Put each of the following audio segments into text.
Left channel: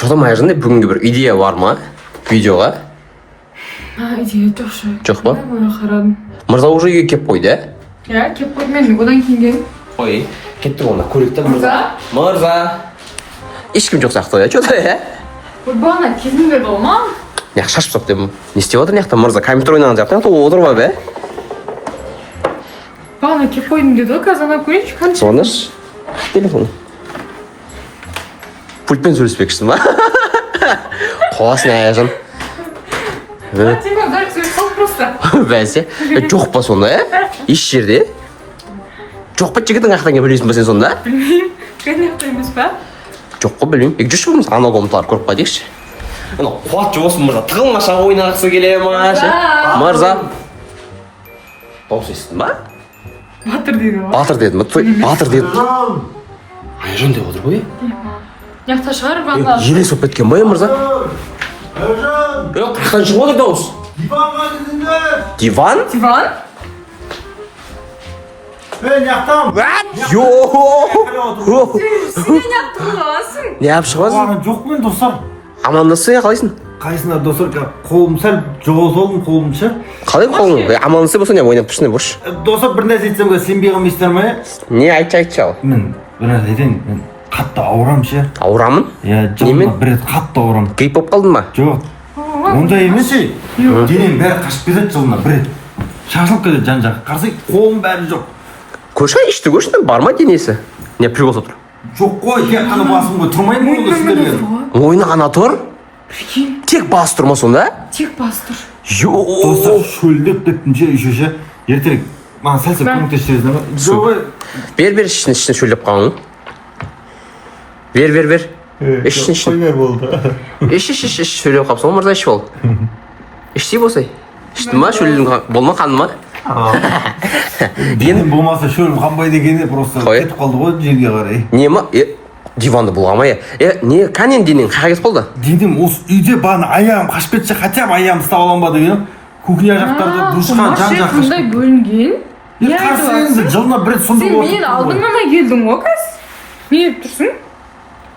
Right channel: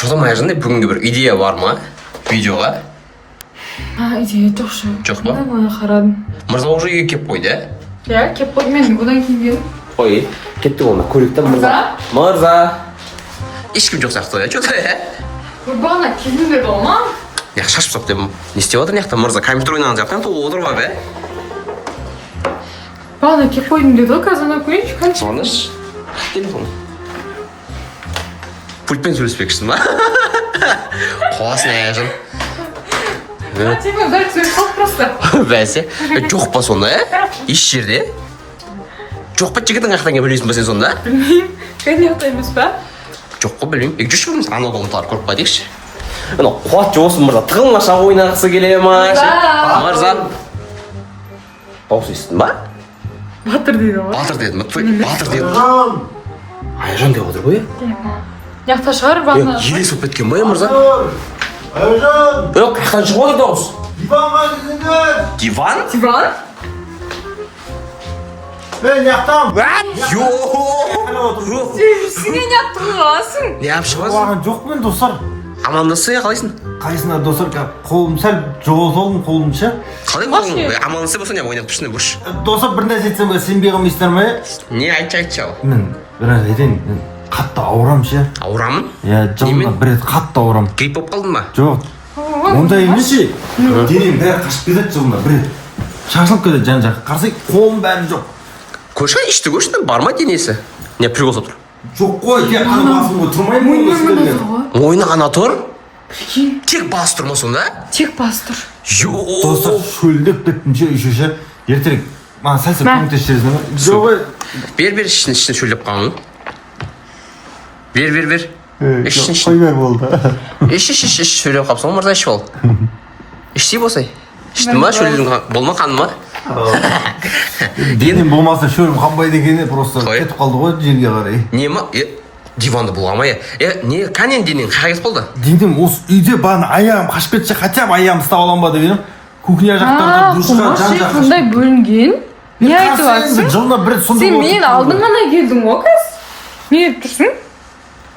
Çoğdam ayarında бүгінгі bir идея бар ма? Видеоға? Идея жоқ шығар. Жоқ па? Қарадым. Мырза уже үйге кеп қойды, ә? Иә, кеп қойдым мен одан кейін келдім. Қой, кетті болма, көрікті мырза. Мырза. Ешкім жоқ сияқты, чөді, ә? Бағана келдім деді ол ма? Неғ шашып соқ дедім. Не істеп отыр неқта мырза? Компьютер ойнаған жақтан отырып бар, бе? Бағана кеп қойдым деді ғой, қазір ана көрейінші қанша. Соныш. Телефон. Пультпен сөйлеспекшісің ба? Қоласын аяжын. Типа, дәл сөйлесіп қалды просто. Бәсе, жоқ па сонда, ә? Еш жерде? Жоқ па жігітің ақтан келіп білесің ба сен сонда? Білмеймін. Конечно емес па? Жоқ қой білмеймін. Жүрші біріміз анау комнаталар көріп қадейікші. Мына қуатты болсын мырза, тығылма шақ ойнағысы келе ма? Мырза. Бауыз естің ба? Батыр дейді ғой. Батыр дедім, батыр дедім. Айжан деп отыр ғой? Яқта шығар, бағана. Елес өп кеткен ба, мырза? Айжан! Қақтан шығып отыр дауыс? Диванға дедіңдер! Диван? Диван? Мен яқтам! Сен неғып тұрғасың? Не алып шығасың? Оған жоқ мен достар. Амандасың ya қалайсың? Қайсына достар, қолым сәл жоғалтылдым қолым ше. Қалай қолың? Амандасың болса не ойнап тұрсың бұрш? Достар бір нәрсе айтсам сенбей қалмайсыңдар ма? Не айтшы ал. Мен бір нәрсе айтайын, мен қатты ауырамын ше. Ауырамын? Иә, жылына бір рет қатты ауырамын. Грип болып қалдың ба? Жоқ. Ондай емес ше. Денем бәрі қашып кетеді жылына бір рет. Шашылып кетеді жан жақ. Қарасай қолым бәрі жоқ. Көрші ішті көрші бар ма денесі? Не прикол тұр? Жоқ қой, тек қана басым ғой, тұрмаймын. Мойны ғана тұр? Тек бас тұр ма сонда? Тек бас тұр. Достар, шөлдеп кеттім ше, үйше ше. Ертерек, маған сәл-сәл көмектесесіз ма? Жоқ, Бер ішіне шөлдеп қалың. Бер. Ішіне. қоймай болды. Іш шөлдеп қалыпсың мырза ішіп ал. Ішсей болсай. Ішті ма шөлдің болма қаны ма? Денем болмаса шөлім қанбайды екені просто кетіп қалды ғой жерге қарай. Не ма? Диванды болғамай. Не қанен денең қаға кетіп қалды? Денем осы үйде баны аяғым қашып кетсе, хотя бы аяғымды ұстап алам ба деп едім. Кухня жақтарда душқа жан-жақ қандай бөлінген? Не айтып жатсың? Жылына бір рет сонда Сен мен алдын ғана келдің ғой кәз? Не етіп тұрсың?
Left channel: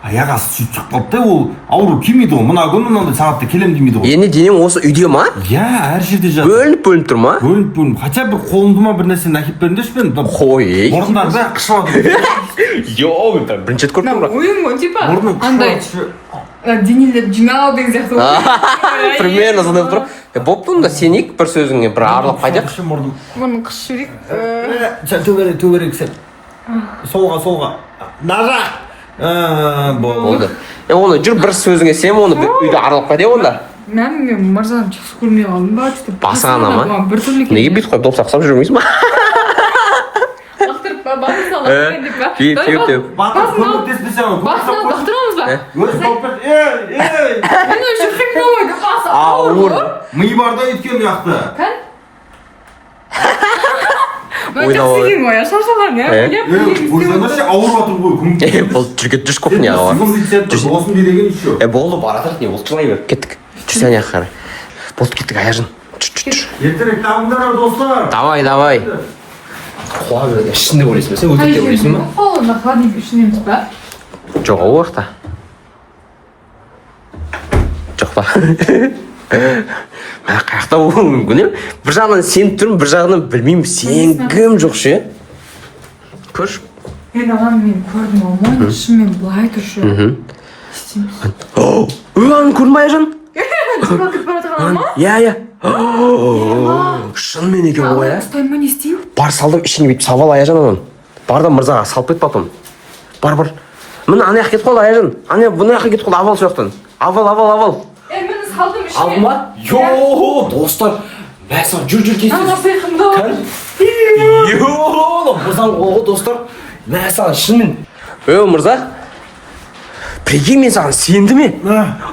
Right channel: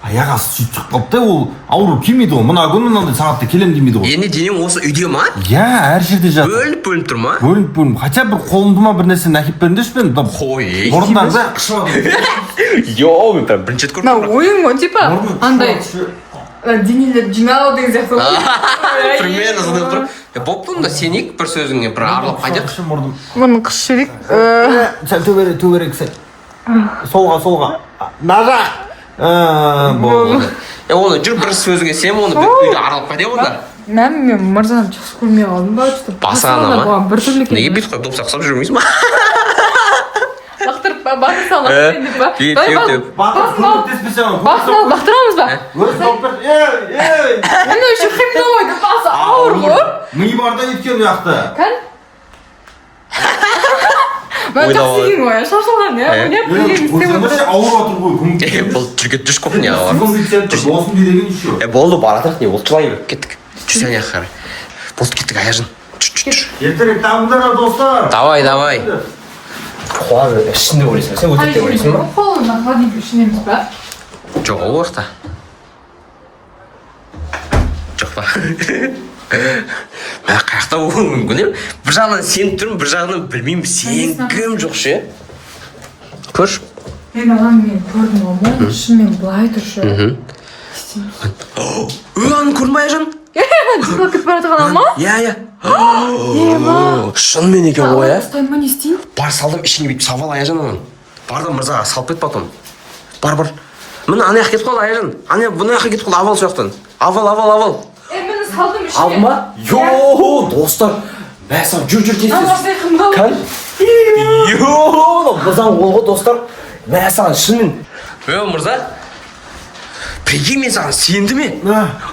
аяқ асты сөйтіп шығып қалды да, ол ауру келмейді ғой. Мына күні мынандай сағатта келем демейді ғой. Енді денең осы үйде ма? Иә, әр жерде жатыр. Бөлініп тұр ма? Бөлініп. Хотя бір қолымды ма бір нәрсені әкеп беріңдерші мен. Қой. Мұрындар бәрі қышып жатыр. Йоу, мен бірінші рет көріп тұрмын. Ойын ғой, типа. Мұрным Андай денелер жинау деген сияқты. Примерно сондай болып тұр. Болып тұр да сенейік бір сөзіңе бір аралап қайдақ. Бұны қыс жүрек. Сәл төберек сәл. Солға. Нажа. Болды. Оны жүр бір сөзіңе сен оны үйді аралап қайдақ онда. Мен мырзаны жақсы көрмей қалдым ба? Басағана ма? Неге бүйтіп қойып доп сақсап жүрмейсің ба? Бақтырып ба? Бақыр салған деп ба? Теп. Батыр көмектеспесе ана Басынан бақтырамыз ба? Өзі топтар. Ей! Мен үшін қимда ойды басы ауыр. Ми барда еткен у жақта. Кән? Ойнап Такси ғой, шашылған, иә? Ойзамашы ауыр батыр ғой, көмектесіп. Бұл жүргет жүш кухняға бар. Болсын дедеген еще. Болды баратырық не болды жылай ма? Кеттік. Жүрсен яқ қарай. Болды кеттік аяжын. Ертерек табыңдар достар. Давай. Қолады, ішінде өлесің ба? Сен өтекте өлесің ба? Қолында холодильник ішінеміз ба? Жоқ ол уақытта. Жоқ па. Мә қаяқта болуы мүмкін е? Bir жағынан сен тұрмын, бір жағынан білмеймін, сен кім жоқ ше? Көрш? Мен ағам мен көрдім алмай, шынымен былай тұршы. Аны көрдің ба Айжан? Диван кітіп бара тұрған ма? Иә. Шынымен екен ғой ә? Ұстайын ба не істейін? Бар салдым ішіне бүйтіп салып ал Айжан анан. Бар да мырзаға салып кет потом. Бар. Міне ана жаққа кетіп қалды Айжан. Ана бұны жаққа кетіп қалды авал сол жақтан. Авал. Мені салдым ішіне. Алды ма? Йооо, достар. Мәсі, жүр тез. Ана сайқымда ол. Йооо, мырзаң қолғы достар. Мәсі, шынымен. Мырза. Прикинь, мен саған сенді ме?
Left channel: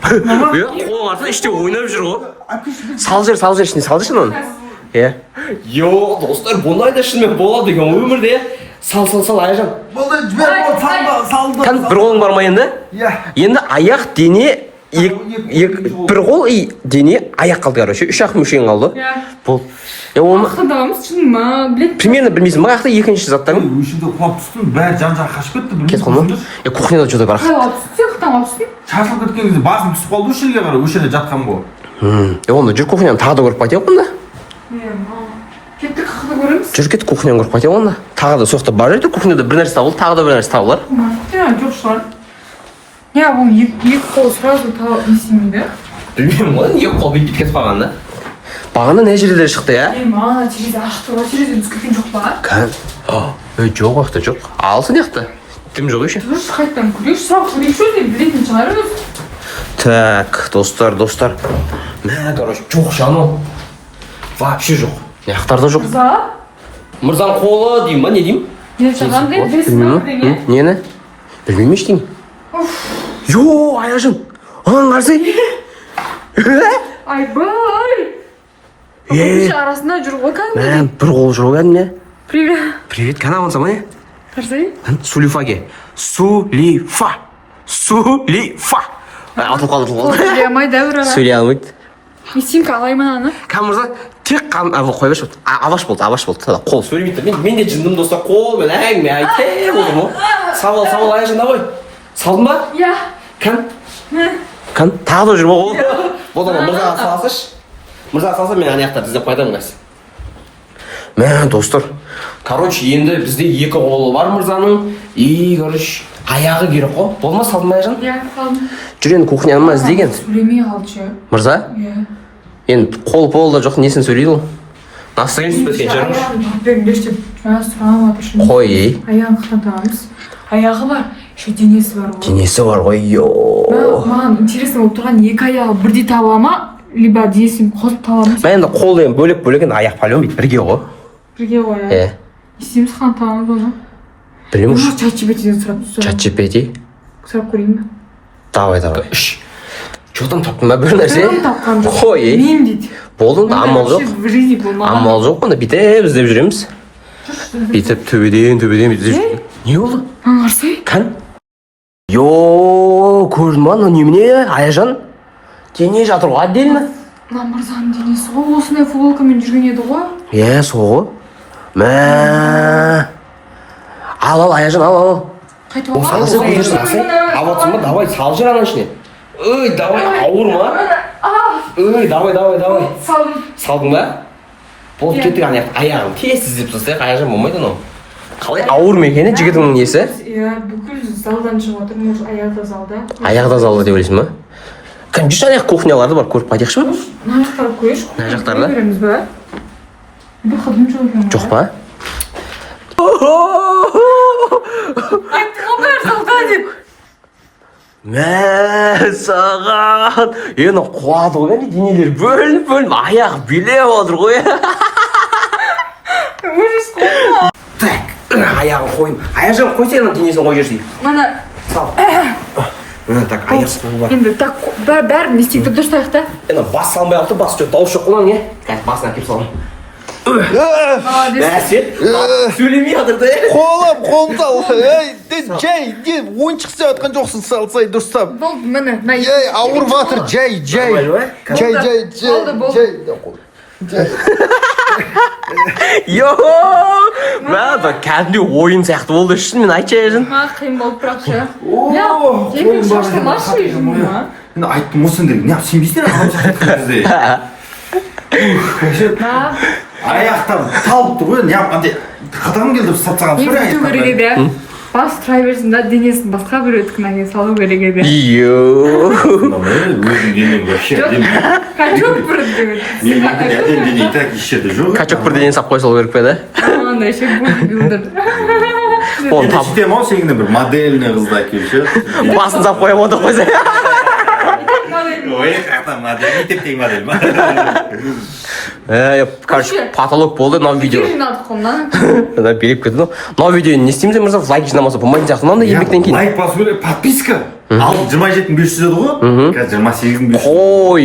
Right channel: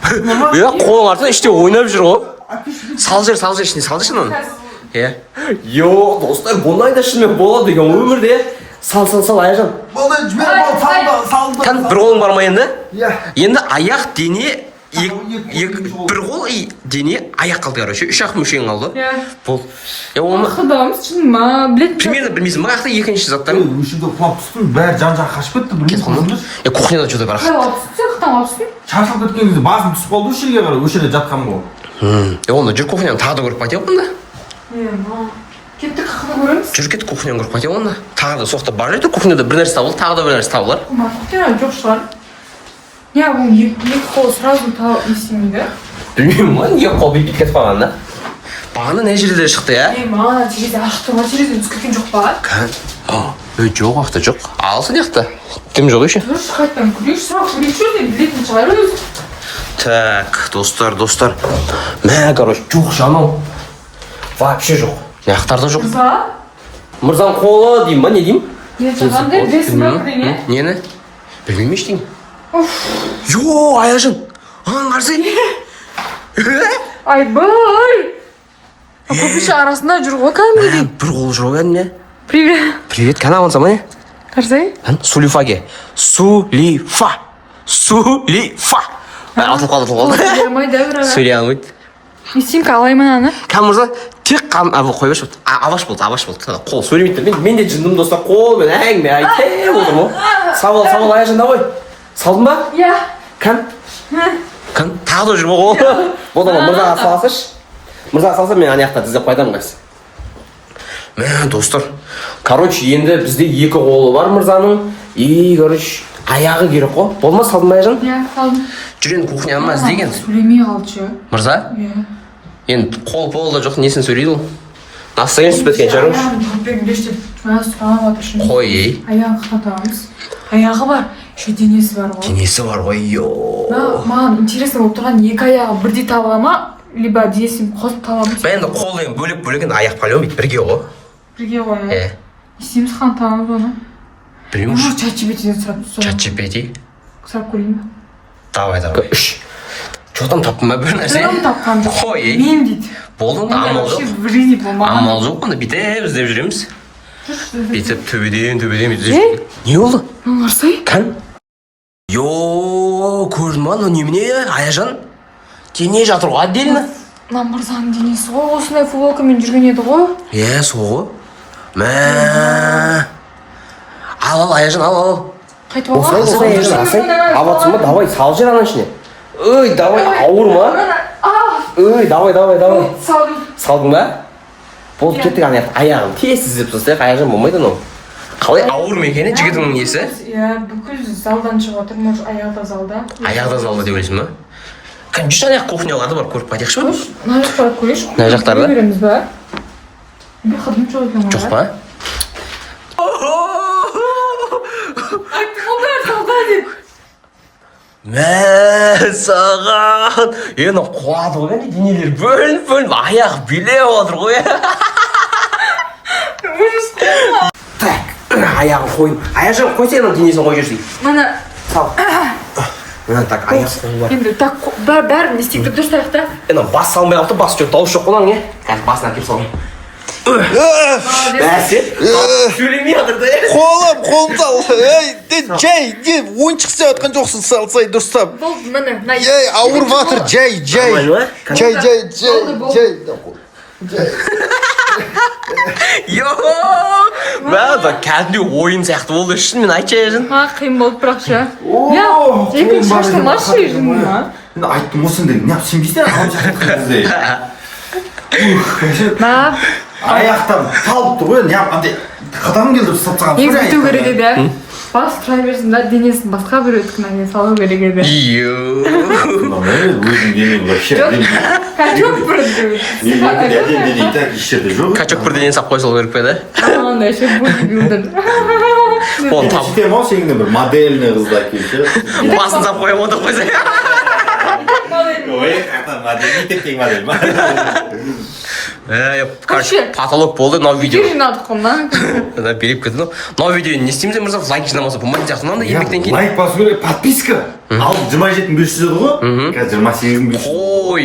Қолың артында іште ойнап жүр ғой. Сал жер, ішіне салды шынын. Йооо, достар, бұндай да шынымен болады деген өмірде. Сал, Айжан. Болды, жібер бол, салды. Кән, бір қолың бар ма енді? Иә. Енді аяқ, дене, бір қол дене аяқ қалды короче, үш ақ мүшең қалды. Болды. Оны Ақыдамыз шын ма? примерно білмейсің ба екінші заттарын? Өшімді құлап түстім, бәрі жан-жағы қашып кетті, білмейсің. Кухняда что-то бар. Қалай түсті? жақтан алыпсың? Шашылып кеткен кезде басым түсіп қалды осы жерге қарай, осы жерде жатқан ғой. Онда жүр кухняны тағы да көріп қайтайық онда. Кеттік қақыны көреміз. Жүр кет кухняны көріп қайтайық онда. Тағы да соқта бар еді кухняда бір нәрсе табылды, тағы да бір нәрсе табылар. Кухня жоқ шығар. Не, ол екі қол сразу несемейді. Білмеймін ғой, неге қол бит кетіп қалған да. Бағана не жерде шықты, я? Маған терезе ашты ма, терезеден түскен жоқ па? Жоқ уақытта жоқ. Алсын яқты. Тым жоқ еще. Дұрыс қайттан көрейікші, сұрақ көрейікші деп білетін шығар өзі. Так, достар. Мә, короче, жоқ жану. Вообще жоқ. Яқтарда жоқ. Мырзаның қолы деймін ба, не деймін? Қандай білесің ба бірене? Нені? Білмеймін ештеңе. Йо, Аяжан. Анаң қарсы? Айбай! Көпеше арасында жүр ғой кәдімгідей. Бір қол жүр ғой кәдімгі. Привет. Привет, кәні амансың ба не? Қарсай? Сулифаге. Сулифа. Атылып қалды. Сөйлей алмайды, бір ара. Сөйлей алмайды. Симка алаймын аны. Кәм мырза, тек қой беш болды. Аваш болды. Қол сөйлемейді. Мен де жындым достар, қол мен әңгіме айтып отырмын ғой. Сау бол, Аяжан давай. Салдың ба? Иә. Кәм? Тағы да жүр ғой қол. Болдама, мырзаға салсыш. Мырзаға салса мен аяқтарды іздеп қайтамын қайсы. Мә, достар. Короче, енді бізде екі қолы бар мырзаның. Короче, аяғы керек қой. Болма, салдың ба Аяжан? Иә, салдым. Жүрен кухняны ма іздеген? Сөйлемей қалды ше. Мырза? Иә. Енді қол да жоқ, несін сөйлейді ол? Настроение түспеткен шығармыш? Аяғын таппен беш деп жаңа сұрамай жатыр шын. Қой, ей. Аяғын қақтан табамыз. Аяғы бар, еще денесі бар ғой. Денесі бар ғой, Маған интересно болып тұрған екі аяғы бірдей таба ма, либо денесін қосып табамыз. Мен енді қол деген бөлек енді аяқ палеон бейді, бірге ғой. Бірге ғой, иә. Істейміз қан табамыз оны. Білмеймін. Может, чат-GPT-ден сұрап тұрсам. Чат-GPT? Сұрап көрейін бе? Давай. Жоқтан таптың ба бір нәрсе? Жоқтан тапқан жоқ. Қой, ей. Мен дейді. Болды ма? Амал жоқ. В жизни болмаған. Амал жоқ қана, бүйтіп іздеп жүреміз. Бүйтіп төбеден бүйтіп. Не болды? Маған қарсай? Кән? Көрдің ба, немене, Аяжан? Дене жатыр ғой, отдельно. Мырзаның денесі ғой, осындай футболкамен жүрген еді ғой. Сол ғой. Мә. Ал, Аяжан, ал. Қайтып алған. Алатсың ба, давай, сал жер ана ішіне. Давай, ауыр ма? Давай. Салдым. Салдың ба? Болып кеттік аяғын тез іздеп тастайық, Аяжан болмайды анау. Қалай ауыр ма екен, жігітіңнің несі? Иә, бүкіл залдан шығып отыр, может, аяқта залда. Аяқта залда деп ойлайсың ба? Кәм жүз аяқ кухняларды бар, көріп қайтайықшы ба? Мына жақтарды көрейікші. Мына жақтарды? Көреміз ба? Бір қадым жоқ екен ғой. Жоқ па? Айтты ғой бәрі қалда деп. Мә, саған. Ені қуады ғой, денелер бөлініп, аяқ билеп отыр ғой. Ужас қой. Так, аяғын қойын. Аяжан қой сенің денесін қой жүрсей. Мана. Сал. Так, аяқ қол бар. Енді так бәрін не істейді дұрыстайық та. Енді бас салмай ақты, бас жоқ, дауыс жоқ қолаң, не? Қазір басына кеп салым. Бәсе, сөйлемей жатыр да. Қолым сал. Жай, ойыншық істеп жатқан жоқсың, салсай дұрыстап. Болды, міне. Ауырып жатыр, жай. Мә, кәдімде ойын сияқты болды үшін мен айтшы Аяжан. Маған қиын болып бірақ ше. Жаймен шаштырмашы ешін ма? Мен айттым осындай, не сенбейсің бізде. Аяқтан талып тұр ғой, андай қатағым келді сатсаған. Езгіту керек еді. Бас тұра берсін да, денесін басқа бір өткінәге салу керек еді. Өзің денең вообще. Качок бір өтті. Әдем дене и так ешерде жоқ. Качок бір денені сап қой сол керек пе да? Андай ше бодибилдер. Оны тап. Сөйтем ау сенің бір модельный қызды әкелші. Басын сап қоям онда қойса. Ой, қақтан модель, мектептегі модель ма? Короче, потолок болды, мынау видео. Жинадық қой, беріп кетті. Мынау видео не істейміз мырза, лайк жинамаса болмайтын сияқты мынандай еңбектен кейін. Лайк басу керек, подписка. Ал 27.500 еді ғой? Қазір 28.500. Ой,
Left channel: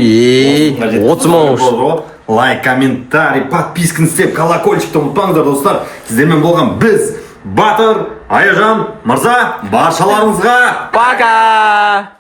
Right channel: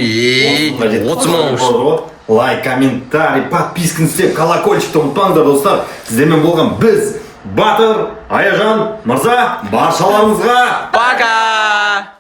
30 мың. Лайк, комментарий, подписканы істеп, колокольчикті ұмытпаңдар достар. Сіздермен болған біз, Батыр, Аяжан, Мырза, баршаларыңызға Пока!